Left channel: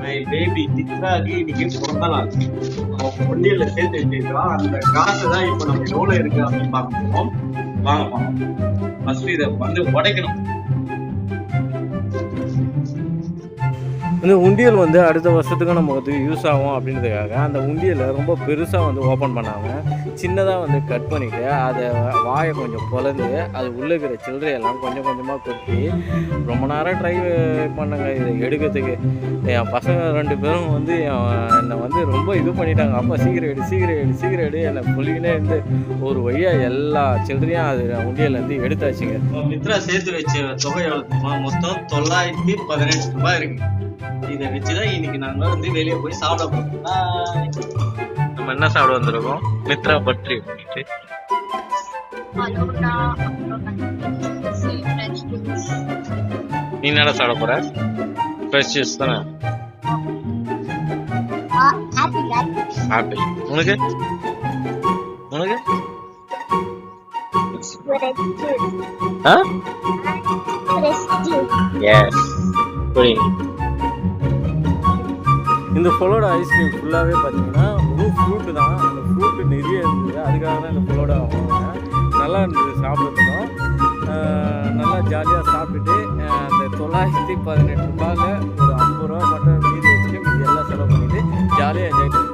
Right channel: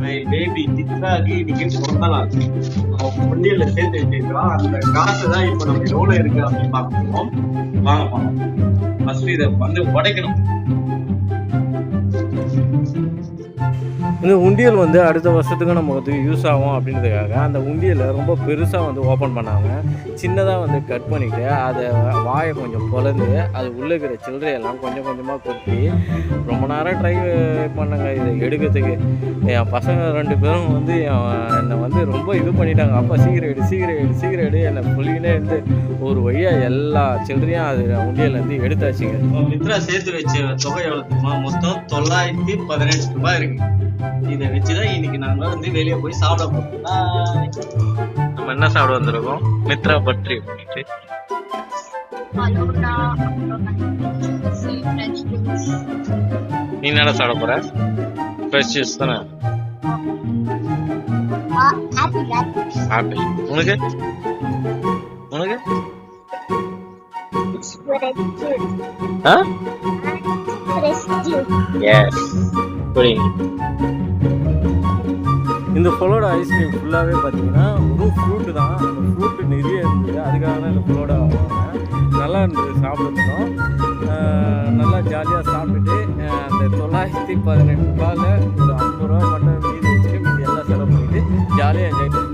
My baby சித்ராக்கு இன்னைக்கு பிறந்த நாள் அவன் பொண்டியில சேர்த்து வச்சிருக்கான் அந்த காசு தான் இப்போ நம்ம எவ்வளவு இருக்கு அப்படின்னு பார்க்கணும் வாங்க பார்ப்போம் ஃபர்ஸ்ட் இதை வந்து உடைக்கணும். இந்த உண்டியல் வந்து அடுத்த வருஷத்துக்கு நம்ம வந்து யூஸ் ஆகும் அப்படின்றதுக்காக அந்த உண்டியலை ரொம்ப பெருசாக வந்து ஓப்பன் பண்ணாமல் சின்னதாக வந்து கட் பண்ணிவிட்டு அதை வாயை கொஞ்சம் பொலந்து அது உள்ளே இருக்கிற சில்லறையெல்லாம் கொஞ்சம் கொஞ்சமாக கொட்டி ரொம்ப நேரம் ட்ரை பண்ணுங்க. இதை எடுக்கிறதுக்கு. என் பசங்க ரெண்டு பேரும் வந்து என் என்னை வந்து ரொம்ப இது பண்ணிட்டாங்க. அப்பா சீக்கிரம் எடு சீக்கிரம் எடு சீக்கிரம் எடு. என்னை புள்ளினே இருந்து ஒரு வழியாக எல்லா சில்லறையும் அது உண்டியலேருந்து எடுத்தாச்சுங்க. மித்ரா சேர்த்து வச்ச தொகை எவ்வளோ மொத்தம் தொள்ளாயிரத்தி பதினெட்டு ரூபாய் இருக்குது இதை வச்சுதான் இன்னைக்கு நாங்க வந்து வெளியே போய் சாப்பிட போறோம். நம்ம என்ன சாப்பிட வந்திருக்கோம்? மித்ரா பட்ரி அப்படின்ட்டு. நீ என்னடா சாப்பிட போற? ஃப்ரெஷ் ஜூஸ் தானே. ஆப்பிள் உனக்கு? உனக்கு. ஆ. எஸ் புரியுங்க இந்த ஃபுல்லோட ஐஸ்கிரீம் ஃபுல்லாகவே பார்த்தீங்கன்னா ஒரு ஃப்ரூட்டு தான். அந்த ஃப்ரூட்டு நிறைய இருந்தது. அதுக்காக தான் இந்த ஃபுல்லோட வாங்கினேன். நல்லா இருந்தது சாப்பிட்றதுக்கும். நல்லா ஜாலியாக சாப்பிட்டுட்டு அந்த தொள்ளாயிரத்தி பதினெட்டு ரூபாயில் ஒரு ஐம்பது ரூபா மட்டும் மீதி வச்சுட்டு மீதி எல்லாம் செலவு பண்ணிவிட்டு ஜாலியாக என்ஜாய் பண்ணி